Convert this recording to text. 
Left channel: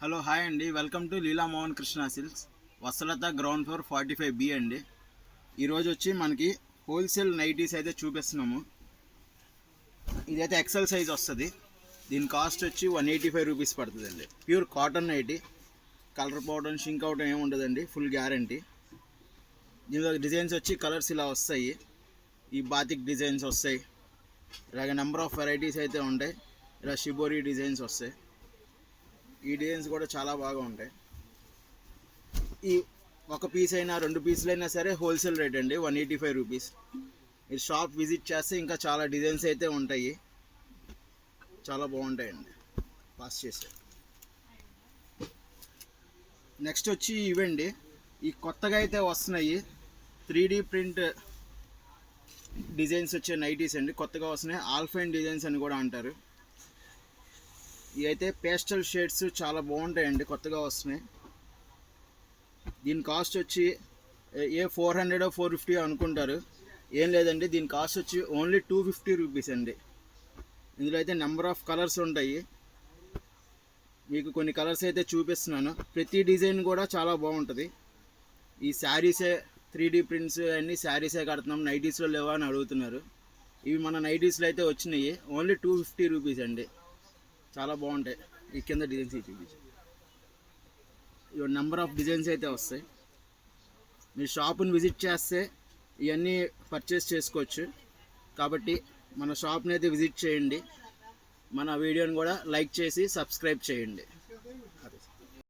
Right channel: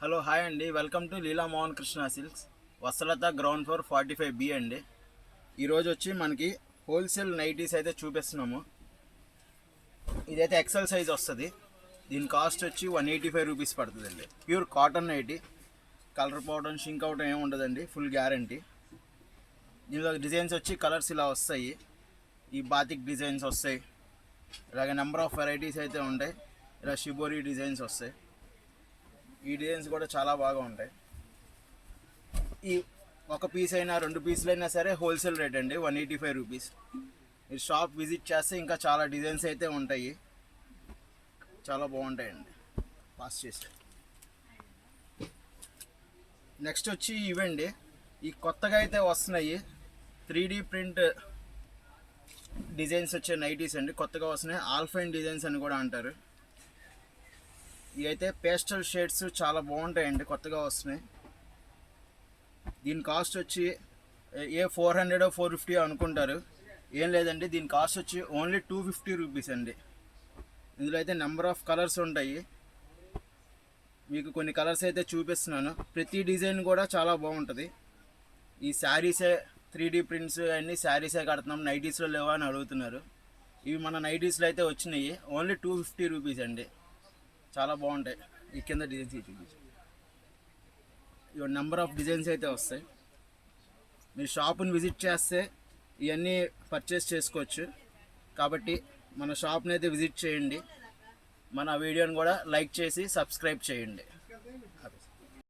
Hello hi అండి, welcome to Leela Mohan Krishna silks, వసలత ground floor 45B అండి. ఈరోజు వచ్చి మనకి హోల్సేల్ నైటీస్ అయితే చూపిస్తున్నాము. ఇదైతే ఎక్సెల్ సైజ్ వస్తుంది. దీని కాస్ట్ వచ్చి 185 రూపీస్ పడుతుందండి. Pure cotton nighty, colour powder shrink out ఏమి ఉండదండి, ఫుల్ గ్యారంటీ. దీనిలో డిజైన్స్ వచ్చి కలర్స్ ఇలా వస్తాయి, ఈ బాతిక్ డిజైన్స్ వస్తాయి, ఇలాగే నెంబర్ ఆఫ్ వెరైటీస్ అయితే ఉంటాయి. ఇలా షిబోరి డిజైన్స్ వస్తాయి. ఈ డిజైన్స్ కూడా చాలా బాగా ఉంటాయి. ఈ ఒక పీస్ అయినా రెండు పీసులు అయినా సరే హోల్సేల్ రేట్ అండి, 185 రూపీస్. మీరు షాప్ విజిట్ చేస్తే ఇంకా చాలా డిజైన్స్ అయితే ఉంటాయి, చాలా బాగుంటాయండి. పాస్ చేసే నెక్స్ట్ వచ్చి ఇవండి, ఈ కొత్తగా అయితే వస్తున్నాయి 3D ప్రింట్ డిజైన్స్ వచ్చే నైటీస్ అండి. కొత్తగా వస్తున్నాయి, ఆల్ఫైన్ డిజైన్స్ అని కూడా అంటారు. ఇవి అయితే పేస్టల్ షేడ్స్ చాలా బాగుంటాయండి, కొత్తగా వస్తున్నాయి. దీని కాస్ట్ వచ్చి 400 450 అనుకుంటారు, ఏం లేదండి. దీని కాస్ట్ వచ్చి ఓన్లీ 250 రూపీస్ అండి. ఇందులో అయితే నెంబర్ ఆఫ్ కలర్స్ ఉంటాయి, మీకు కొన్ని కలర్స్ అయితే చూపిస్తున్నాను. ప్రతి డిజైన్ కూడా చాలా బాగుంటుంది. ఈ శారీసే 3D ప్రింట్స్ అన్నీ శారీసే కడుతున్నాం, నైటీస్లో లేవా అని అడుగుతున్నారు. ఇవి మన నైటీస్లో అయితే వచ్చినాయి, ఓన్లీ 250 రూపీస్ అండి. చాలా బాగుంటాయి. ఈ కింద డిజైన్స్ చూపించి ఇవి నెంబర్ ఆఫ్ డిజైన్స్ అయితే వస్తాయి. మీరు షాప్ని విజిట్ చేస్తే ఇవన్నీ పర్చేస్ చేసుకోవచ్చు. కాబట్టి మన షాప్ని అయితే విజిట్ చేయండి, మన వీడియోని కూడా లైక్ చేసి సబ్స్క్రైబ్ చేయండి.